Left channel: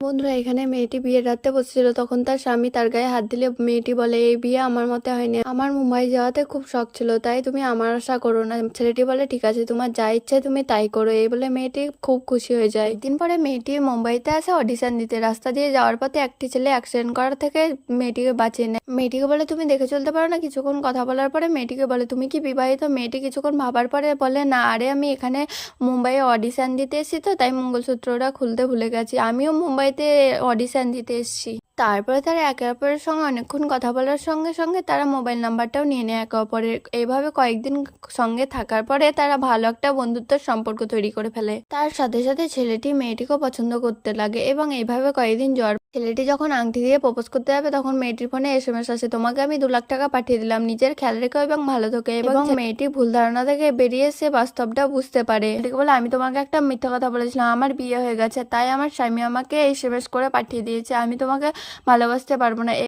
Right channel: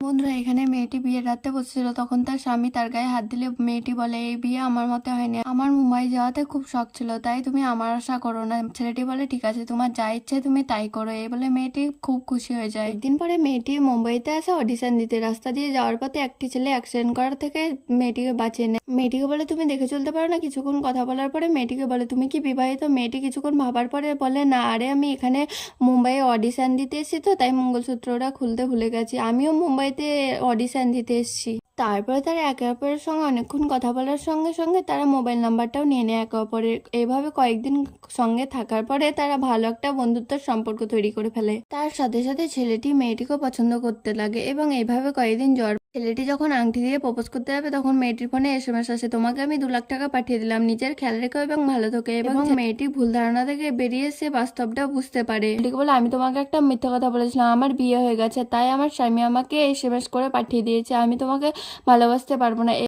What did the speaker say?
বন্ধুরা, এখানে মেয়েটি বিয়ের রাতে বসেছিল, তখন তার স্বামী তার গায়ে হাত দিলে মেয়েটি বলে, এই বিয়ে আমার মতে হয়নি, আমার মুম্বাই যাওয়াতে খুব শখ ছিল, তাই তুমি আমার আশা করো না। ছেলেটি বলে, ঠিক আছে, তোমার যা ইচ্ছে তুমি তাই করো। এই বলে মেয়েটি খুব খুশি হয়ে যায়। একদিন পরে মেয়েটি মুম্বাইতে আসে অডিশন দিতে। রাস্তা দিয়ে যাওয়ার পথে একটি ছেলে অ্যাক্সিডেন্ট করার থেকে মেয়েটিকে বাঁচিয়ে নেয়। মেয়েটিকে বলে, তুমি দেখে চলতে পারো না? কিছুক্ষণ কথা বলার পরে মেয়েটিকে বলে, তুমি কি বিবাহিত? মেয়েটি কিছুক্ষণ ভাবার পরে বলে, না, আরে আমি এখানে মুম্বাইয়ে অডিশন দিতে এসেছি, তো তাই মঙ্গলসূত্রটা খুলতে ভুলে গেছি, আমিও মুম্বাইতে অডিশন দিতে এসেছি। তারপরে তারা একে অপরের সঙ্গে অনেকক্ষণ কথা বলার সঙ্গে সঙ্গে তারা মোবাইল নাম্বারটাও নিয়ে নেয় একে অপরের। এইভাবে কয়েকদিন সঙ্গে থাকার পরে তারা ভালো একটা বন্ধুত্বের সম্পর্ক তৈরি করে ফেলে। তার সাথে সাথে ছেলেটি মেয়েটিকেও পছন্দ করতে লাগে এবং এইভাবে কয়েকদিন ছেলেটি যখন আংটি দিয়ে প্রপোজ করতে যাবে, তখন মেয়েটির ফোনে এসএমএস আসে, তোমাকে আমি 2 লাখ টাকা পাঠিয়ে দিলাম, নিজের খেয়াল রেখো এবং ভালো থেকো। এবং মেয়েটি ভুল ধারণা থেকে বেরিয়ে এসে বাস্তবটা বুঝতে পারে। মেয়েটিকে বলে, আমি তোমাকে একটা মিথ্যা কথা বলেছিলাম, আমার বিয়ে হয়ে গেছে, তাই আমার স্বামী আমাকে এসএমএস করে পাঠিয়ে দিয়েছে, আমি তোমাকে ভালোবাসতে পারবো না।